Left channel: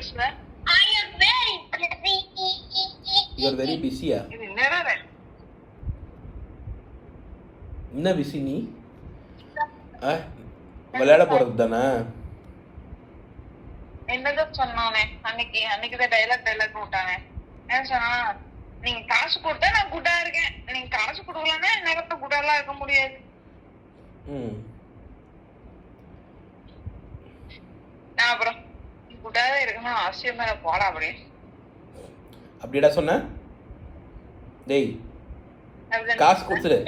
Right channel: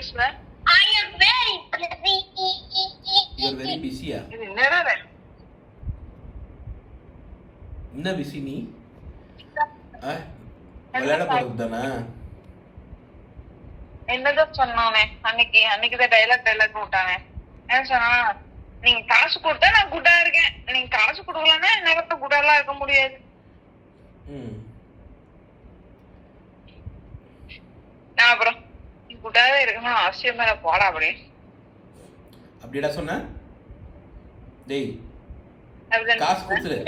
பேசுவ? I am very busy. You are very busy. இது என்னடா வேலை? என்ன பிஸி நீ? விளையாட போறது தானே? என்னதான் சொன்னானே அன்னைக்குதான் டைலாக் விட்டானே. என்ன சொன்னா, நீங்க காசு கொடுத்தா நான் குட்டா இருக்கேன், நீங்க காசு கொடுக்கலன்னா என்னால குட்டாலாம் இருக்க முடியாது. நான் அப்புறம் குட்டாவே இருக்கணும் அவசியம் மேல போடா அப்படிடா சொன்ன. டேய் காசு கொடுத்துரு.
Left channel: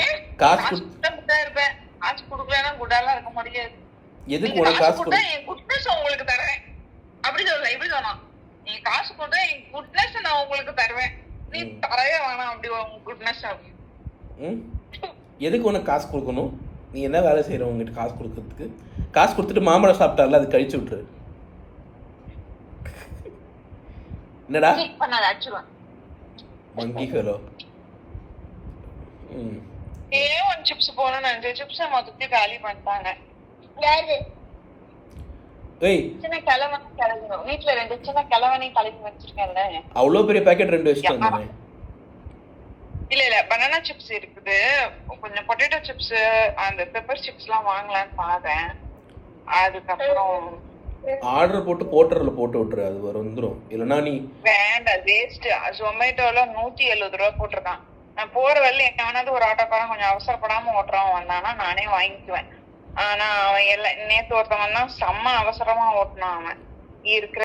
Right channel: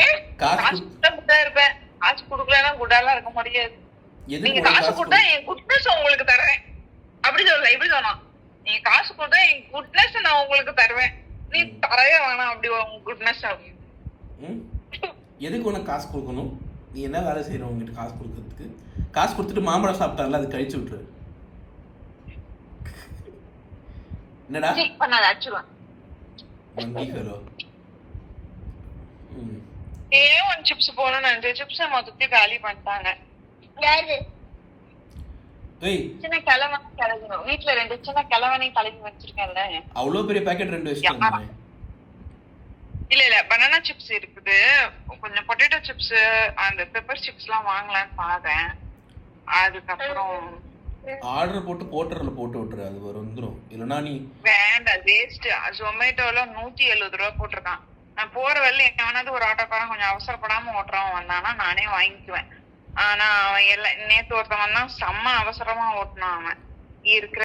காசு குட்டா இருப்பேன், காசு கொடுக்கலன்னா குட்டாலாம் இருக்க முடியாது. நீங்க காசு கொடுத்தா என் குட்னஸ் உங்களுக்கு தருவேன். அப்படி சொல்லல, இப்படி சொன்னா, நீங்க காசு கொடுத்தா என் குட்னஸ் நான் உங்களுக்கு தருவேன், நீ தரவே வேணாம் அப்படி உங்க குட்னஸ். எதுக்கு உனக்கு காசு கொடுக்கணும்? நீ என்ன வேலை செய்யற உங்ககிட்ட காசு கொடுக்கறதுக்கு? காசு கொடுத்துட்டு மாம்பழம் சாப்பிட்டால அது கழிச்சு விட்டுரு. என்னடா பண்ணாத அச்சுருவேன். ஒன் சிப்ஸ் போகணும்னு நினைச்சேன், சிப்ஸ் மொத்தத்தையும் காலி பண்ணிட்டாங்க. சின்ன கிழவனை கிளம்பணும், வீட்டுல 2 சின்ன கிழவனையும் கலக்கி வச்சிருக்கேன்ல. அவ்வளவு பெரிய பாக்கெட் 2 வச்சிருக்கேன். இல்ல பனானா சிப்ஸ் இருக்குது, கொஞ்சம் பொட்டேட்டோ சிப்ஸ், அந்த பெப்பர் சிப்ஸ் எல்லாம் வாங்கலாம்னு பாத்தேன். அதுக்கப்புறம் ஆர்டர் போட்டு போர்ட்டர்ல போட்டு விட்டுரு, அது வந்துரும். இல்லனா நீ வேண்டாம், வேஸ்ட். ஜொமேட்டோல 170 ரூபா போட்டிருக்கான். நான் போற வழியில எவனாவது ஒரு ஆட்டோக்காரன் கொஞ்சம் அவசரப்படாம ஓட்டுறவன் வந்தானா நானே வாங்கிக்குவேன். ஆனா அவன் நேத்து ஒருத்தவன் தான் செம்ம அவசரமா ஓட்டினான். அவன் இருக்கிற